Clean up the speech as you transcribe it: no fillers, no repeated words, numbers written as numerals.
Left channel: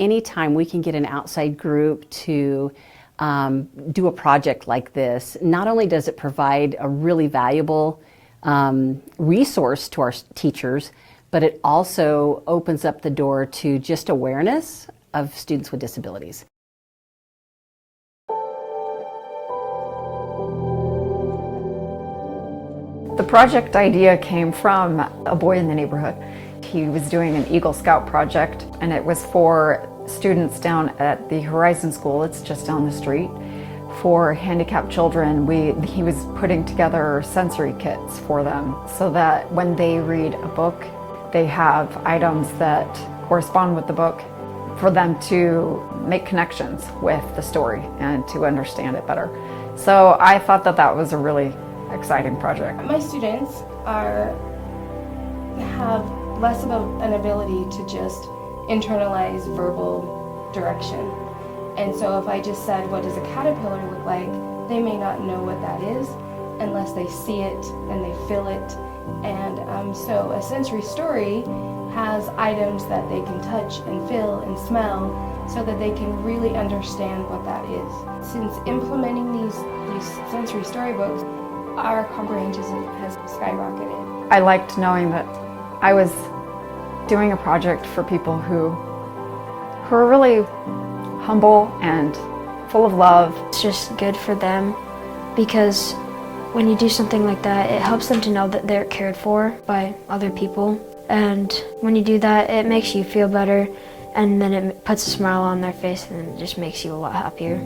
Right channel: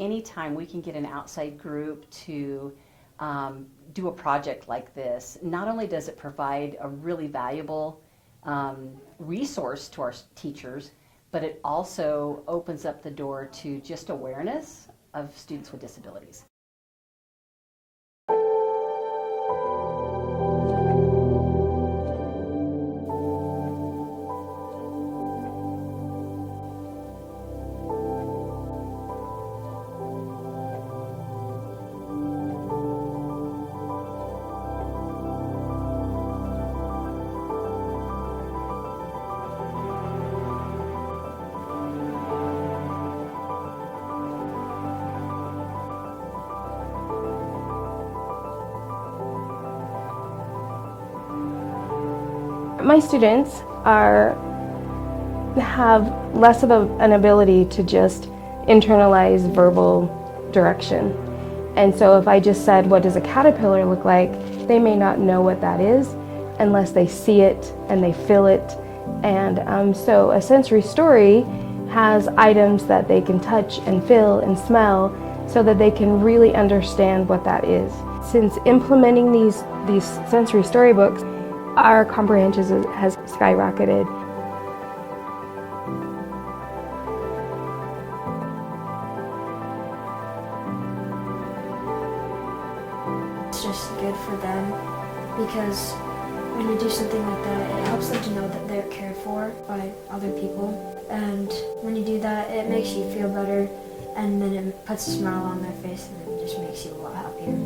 anytime we can get an outside group to do a project like this, not only does it provide a really valuable resource to our teachers, but it also opens up the door to just awareness of students with disabilities. The project idea came from a boy in the neighborhood. He was doing an Eagle Scout project, and it was for students down at the Horizon School, it's just down the street. For handicapped children, he was putting together sensory kits for them so that when they read a book, they have items that correspond with the book for them to make connections with the story and to understand it better. So I thought that that was a really exciting project. My students have less of an ability to just internalize verbal direction. And so if I just said, what does a caterpillar look like, they may not know what that is unless they see it and they feel it. And so a sensory story has items that they can touch and feel and smell so that they can really understand what that is. Since implementing these sensory storybooks, our comprehension has skyrocketed. I liked knowing that I was doing a project for people who are really humble and full of love. It's just good for them because when you do something like that, it helps them to know that they're cared for by other people. And when you do that, it makes you feel better, and then it puts a smile on their face and it just makes you a lot happier.